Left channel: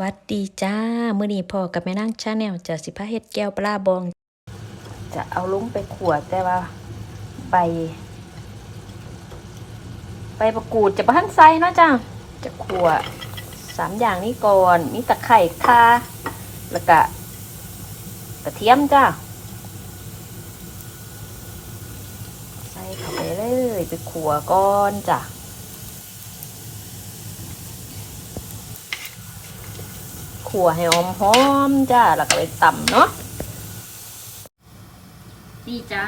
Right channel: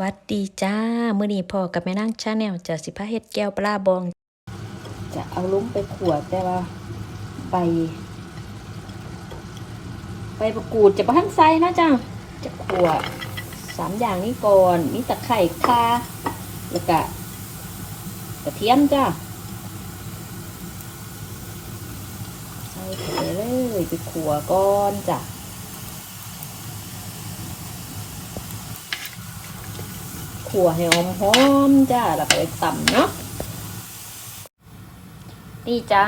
วัสดีจ้า มื้อนี้พ่อกับแม่นางชาแนลจะสิพาเฮ็ดแก้วปลาบอง จะเอาลุงไปขวดแต่ว่าใบใบประกูดจะบ่ทันใส่นะจ้าจะขวดสามอย่างนี้ก่อนมีตะไคร่ข่าแล้วก็กระเทียมจ้าใส่ไปเลยไปขัวก่อนจ้ะ ขัวให้หอมหอมๆจ้าแล้วก็ไปตำเนาะนี่จ้า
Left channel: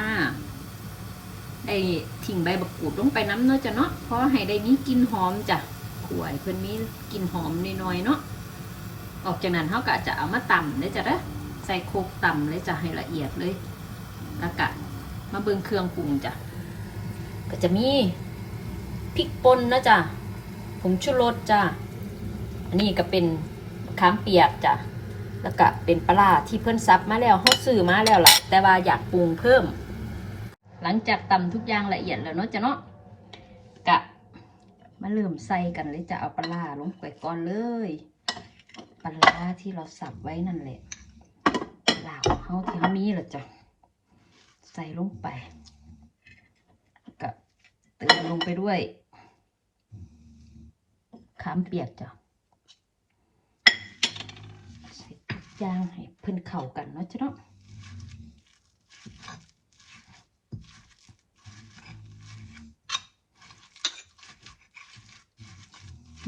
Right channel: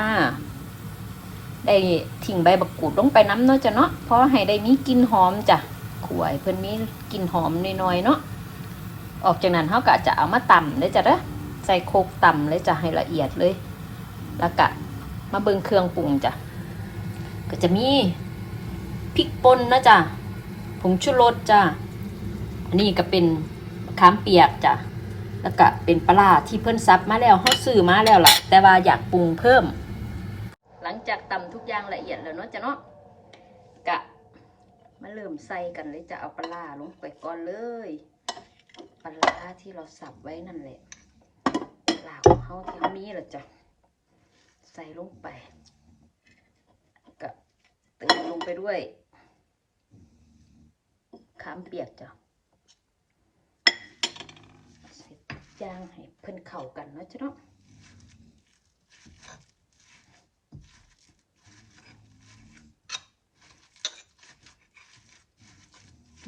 ได้ทิ้งใบบักกูดลงไปน้ำเนาะจ้ะเนาะเพราะให้ได้มีกลิ่นหอมจ้ะขัวเพิ่นมีกลิ่นหอมน้อยๆเนาะออกจากนั้นเขาก็จะเอามาตำเลยจ้ะเด้อใส่โคกตำเลยจ้ะให้ละเอียดเลย แล้วก็มาเบิ่งเครื่องปรุงจ้ะก็จะมีพริกป่นนะจ้ะผงชูรสจ้ะอันนี้ก็เป็น ขามเปียกจ้ะแล้วก็เป็นปลาที่เพิ่นซับมาแล้วเขาซื้อมาแล้วล่ะ แต่ว่าอยากปรุงเพิ่ม หลังจากตำทุกอย่างละเอียดแล้วเนาะจ้ะเนาะกะมาเริ่มใส่กันเลยจะเอาปลาลงไปก่อนเลยปลาที่เราสับไว้นั่นแหละปลาร้าของเขาที่เขามีแหละจ้ะใส่ลงไปกับเติมลงไปด้วยขามเปียกจ้ะใส่ทุกอ ย่างให้เพิ่นเข้ากันเนาะจ้ะเนาะ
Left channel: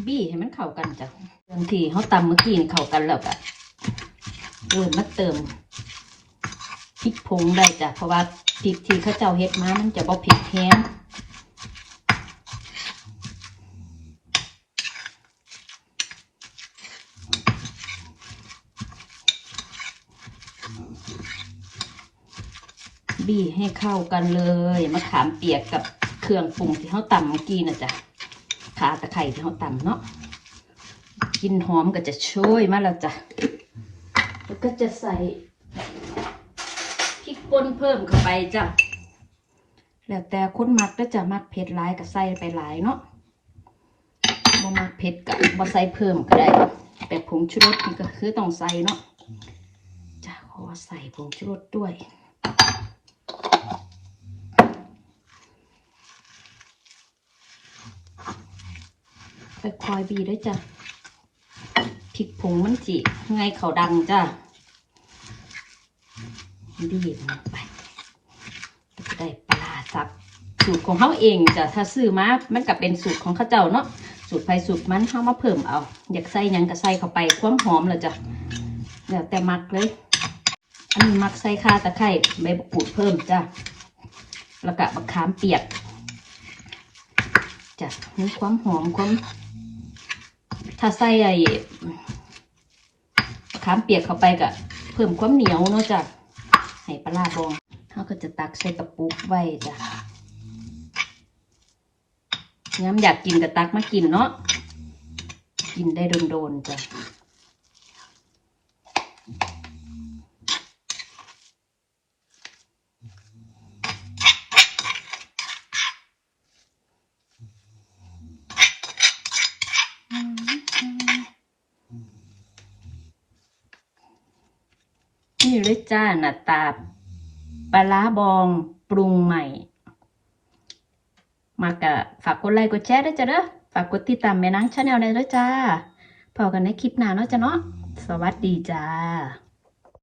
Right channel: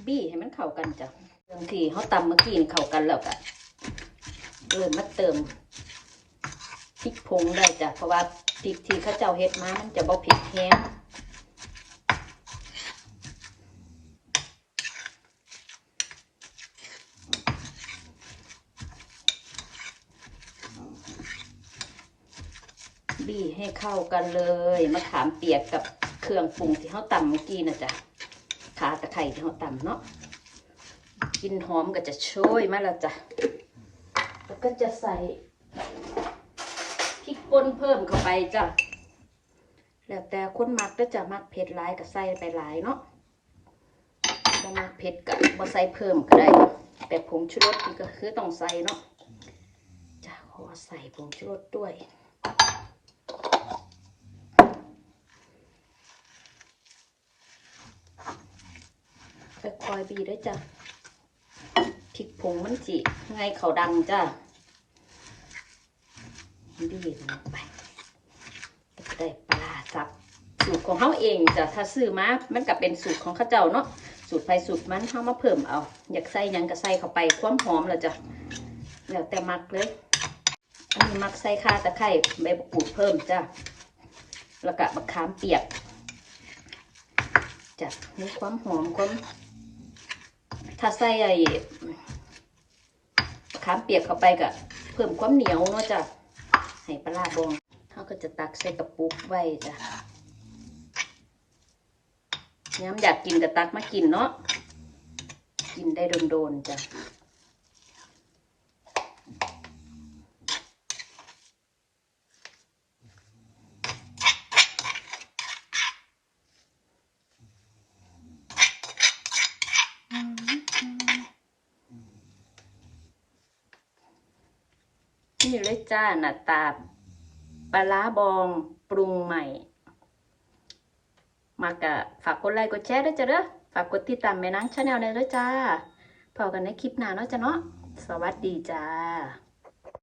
บี้ให้มันเข้ากันจ้ะบางทีเขาตำเมื่อกี้นี่เข้ากันแล้วก็เริ่มมาเติมพริกผงได้จ้ะเพราะว่าพริกที่เขาเจ้าเฮ็ดมามันจะบ่เผ็ดแห้ง บี้ให้เข้ากันเลยมะขามเปียกกับเครื่องปรุงที่เขาตำเมื่อกี้นะจ๊ะขาตะไคร่ที่เขาตำเนาะกลินหอมก็จะช่วยมาแล้วจ้ะแล้วก็จะใส่พริกป่นเพิ่มเข้าไปจ้ะแล้วแต่คนมักก็จะมักเผ็ดหลายก็ใส่ไปหลายเนาะบ่มักเผ็ดก็บ่ใส่เพิ่มก็ได้แต่ผงชูรสนี่ก็คือต้องใส่เนาะจะขอใส่ผงชูรสด้วย คอยบีด้วยจ้ะพริกผงมันจิไงเขาดังจ้ะบีบไปก็จะได้ปลาสับสูตรของเขาเองจ้ะถ้าซื้อมา มันกับเป็นสูตรของข้าเจ้าเนาะสูตรไฟสูตรมันเขามาเพิ่มเอา อยากใส่ยังก็ใส่เข้าไปความหอมแล้วจ้ะแล้วแต่มักเลย อันนี้มักใส่ข่าตะไคร้ใบมะกรูดเพิ่มจ้ะแล้วก็บักขามเปียกจ้ะมีความหอมความ ถ้าใส่ไอ้ขามเปียกเข้าไปก็เพิ่มความเหนียวเนาะจ้ะให้ปลาร้าบองเขาก็จะตักใส่กระปุกไว้จ้ะย้ำอยากกินก็ตักมากินเนาะกินได้โดนๆจ้ะ นี่เลยจ้าหน้าตาปลาราบองปรุงใหม่ มากะฝากกดไลค์กดแชร์ด้วยจ้ะเด้อฝากกดติดตามแม่นางชาแนลเลยด้วยจ้าพอกันในคลิปหน้าเนาะจ้ะเนาะสวัสดีจ้า